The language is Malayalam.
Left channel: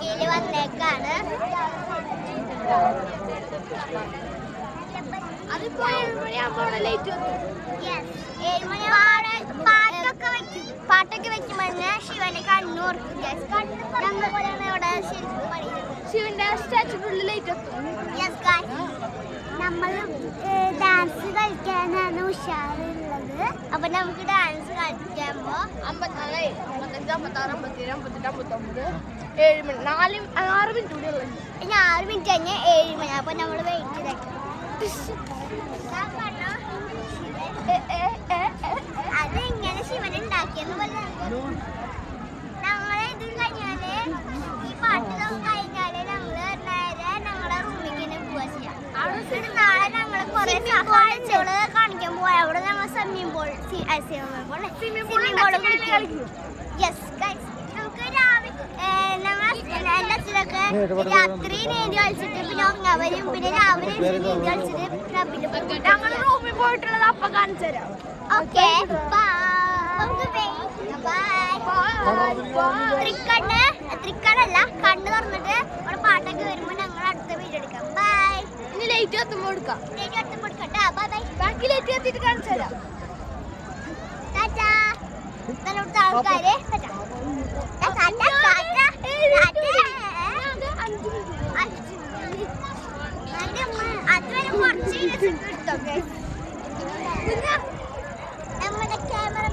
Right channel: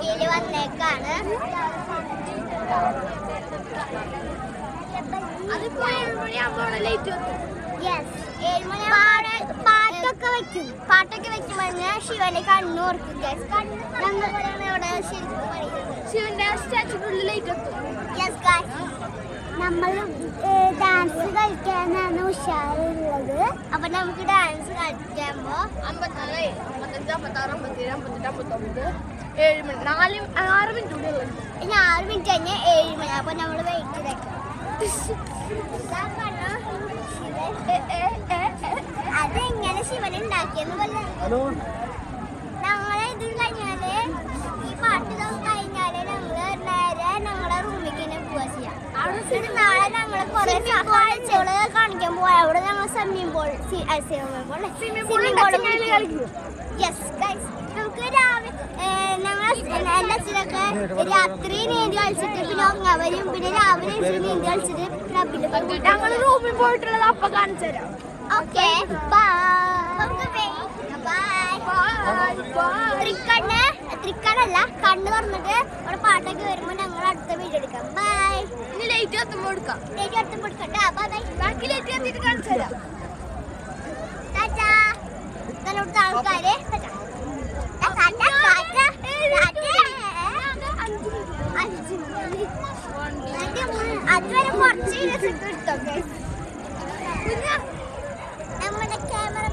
ബ്ലോഗിൽ വന്നേക്കാണ്. പാട്ടൊക്കെ വെക്കുമ്പോൾ ശിവന്റെ കണ്ണൂർക്കും ഇവിടെ ശരിക്കും ശിവന്റെ സ്റ്റാച്ചുവിൽ ലൈറ്റ് എത്തും. നമ്മൾ ഡാൻസ് കളിക്കാനാണ് ഉഷാറുള്ളത്. അപ്പൊ നമുക്ക് ഡാൻസ് കളിക്കുമ്പോ 54, 55, 56, 57, 58, 59, 6 മിനിറ്റ് കൂടി ഉള്ളത്. ഇനി 6 മിനിറ്റ് കഴിഞ്ഞാൽ 7 മണി. അപ്പൊ നമ്മള് വെയിറ്റ് ചെയ്തേക്കാം. അതെങ്ങനെ ശിവൻ ഉണ്ടാക്കിയെന്ന് പറഞ്ഞു. ഞങ്ങളെ ഇത് കഴിഞ്ഞാല് ഈ പാട്ട് കഴിഞ്ഞാല് ഞങ്ങള് നേരെ ഞങ്ങളുടെ റൂമിലേക്ക് തന്നെ പോവാ ചെയ്യാം. അവിടെ നാളെ ഞങ്ങള് കുറെ കാഴ്ചകള് കാണിക്കാൻ പോവാ. അവിടെ ഞങ്ങൾ സ്വിമ്മിംഗ് പൂൾ കളിക്കും. നമുക്ക് രാവിലെ എന്റെ അച്ഛനൊക്കെ രാത്രി നീന്തി കളിച്ചിട്ട് പിന്നെ ഉറങ്ങാൻ വരും. പിന്നെ രാവിലെ നീന്തി കളിച്ചിട്ട് ഞങ്ങൾ റൂമിൽ പോയിട്ടുള്ളത് അപ്പൊ കാണിച്ചു തരാം. ഓക്കെ, തൃക്കണ്ണല്ല, കണ്ണ് തുറന്നിട്ട് അവിടെ പാട്ടൊക്കെ വരുമ്പോ ഞങ്ങൾ അടുത്ത വീഡിയോ എടുക്കാം. ബൈ. ഇനി ലൈറ്റ് എത്തുമ്പോ എടുക്കാം. ലൈറ്റ് എത്തുമ്പോ എടുക്കട്ടെ. Bye bye. ലൈറ്റ് എത്തിയിട്ട് കാണിച്ചു തരാം. ആൾക്കാര് അതുവരെ കുറച്ച് എടുത്തോക്കെ. നമ്മുടെ ക്യാമറ